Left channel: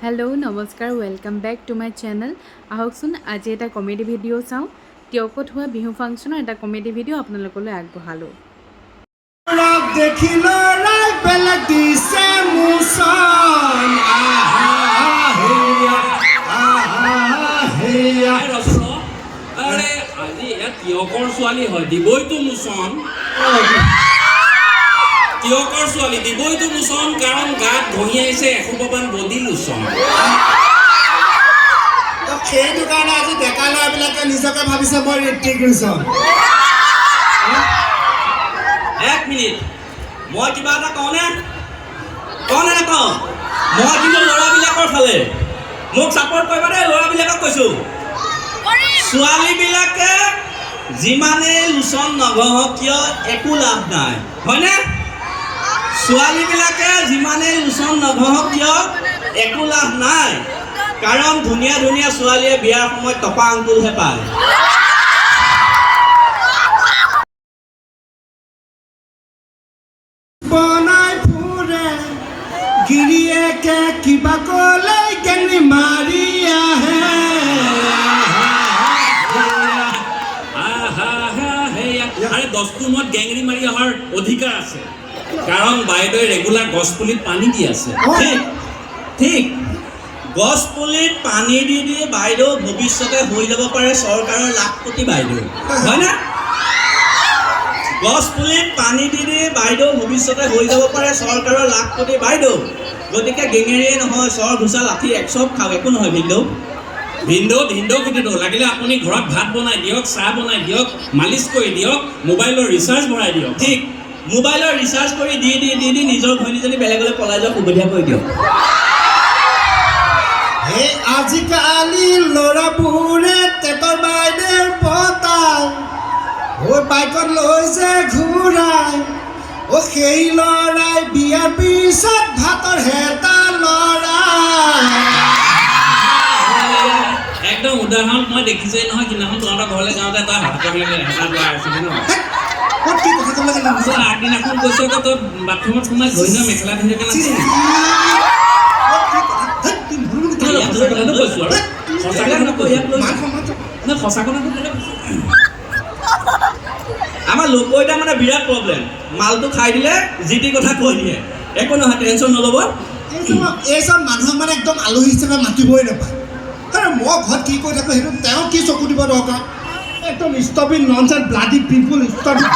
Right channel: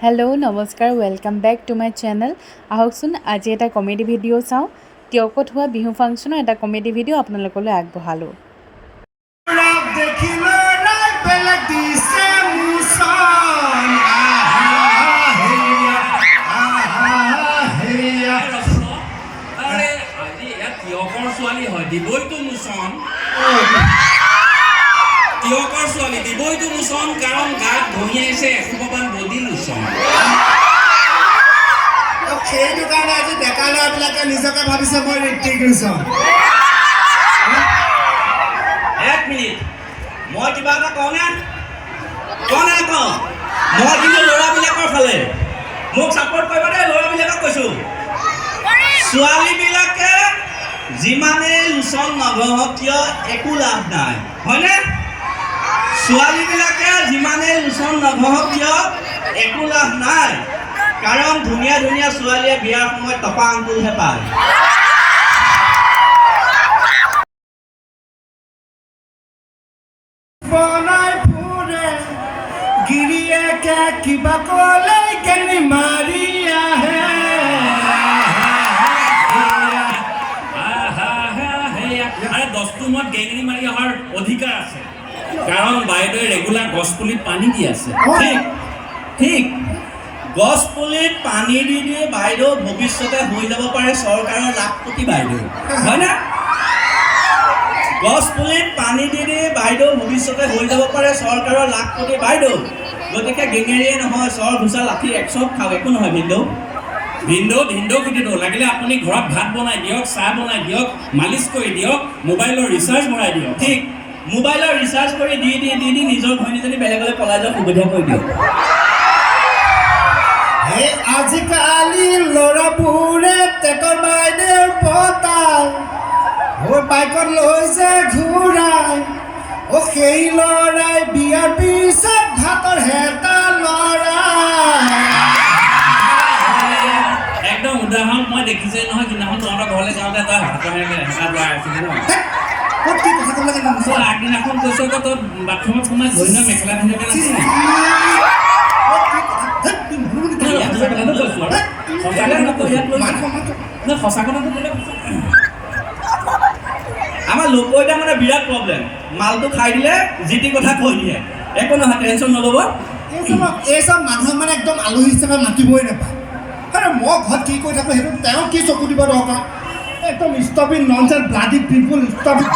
Hello' নমস্কাৰ welcome back to my channel. আহকচোন আজি এটা কমেডি ভিডিঅ' চাওঁ। টিয়কত হোৱা বিহু ফাংচনৰ এটা কমেডি ভিডিঅ' আপোনালোকলৈ আগবঢ়ালোঁ। টিয়কৰ ছোৱালী হয় দিবইতো মোচন টিয়কৰ ছোৱালী দিবইতো মোচন কাৰণ গাত ঘঁহিয়াইছে এসোপামান বডি লোচন। সেইটো কাৰণে আজি ডেকা ল'ৰাবিলাকে নিজকে ভাবিছে মই ঋত্বিক ৰোশন। এক মিনিট, মই কিবা এটা কওঁনে নকওঁ? মই কিন্তু ল'ৰাবিলাকৰ ফালে, মোক ছাপৰ্ট কৰিবা দেই। ল'ৰাবিলাকক কৈছোঁ, ছোৱালীবিলাকে যিমানে লোচন নঘহক কিয় একো লাভ নাই, হয়নে? ছোৱালীবিলাকে যিমানে লোচন নঘহক কিয় একো লাভ নাই, কাৰণ ধুনীয়া ধুনীয়া ছোৱালীয়ে বিয়াৰ সময়ত টপা আঙুলহে পায়। বনাই ফুৰে গিৰিয়েকে কিবা ক'লে কেনি মাৰি আহে। আৰে 10টো মত গেংৰি মাৰি অহাৰ অধিকাৰ আছে, কাৰণ বাইদেৱে ৰেগুলাৰ গছপুলিত পানী দি আছে। ঠিক গছপুলিত পানী দি বাইদেউ ভৱিষ্যতে হৈ যাব পাৰে চৰকাৰৰ লাখপতি বাইদেউ, হয়নে? গছপুলিত পানী দি বাইদেউ ভৱিষ্যতে হৈ যাব পাৰে চৰকাৰৰ লাখপতি বাইদেউ। গতিকে গেঙেৰিয়ে নহয়, চৰ ঘোচা লাঠি একচব খাওক, একো নহয়। ভিন্দৌ কুটি দিওঁ, লাগিলে আপুনি ঘৰত ভাত বনাই দিয়ক, চাহ বনাই দিয়ক, মালিচ কৰি দিয়ক, মোবাইলৰ ৰিচাৰ্জ ভৰাই দিয়ক। ঠিক মোবাইলৰ ৰিচাৰ্জ কৰি দি নিজৰ ঘৈণীজনী বেলেগলৈ পলাই যোৱাৰ সুবিধা কৰি দিয়ক। আজিকালি ল'ৰাবোৰে টেটৰ বাইদেউৰ পতাল বাইকত লৈছে ঘূৰাই। সেই ল'ৰাই বিয়াৰ পিছত ভাতৰ হেতা ল'ৰাই। একদম উদাহৰণ মই দেখিছেই নহয়, সিদিনাখন তহঁতৰ ঘৰলৈ যাওঁতে তই আছিলি ন? আগদিনাখন কৈছো আকৌ তই বাথৰুমত সোমাই ঘৈণীয়ে মেখেলা পিন্ধি কৈছো আৰু সঁচা কথাটো ক'লে আমাৰ লোককেইটা মানে বিৰাট প্ৰব্লেম। মালটো খাই দিলে যি টি কথা কৈ দিয়ে, একো নহয়, টেনশ্যন নল'ব। এই চব মানুহে মানে একদম আলহী হিচাপে মাতিবই নাপায়। আৰে মই ঘৰত কি কৰি থাকোঁ সেইটো তেওঁ কি চকু দিব দৰকাৰ? একদম stop it nonsense bloody people, stop it.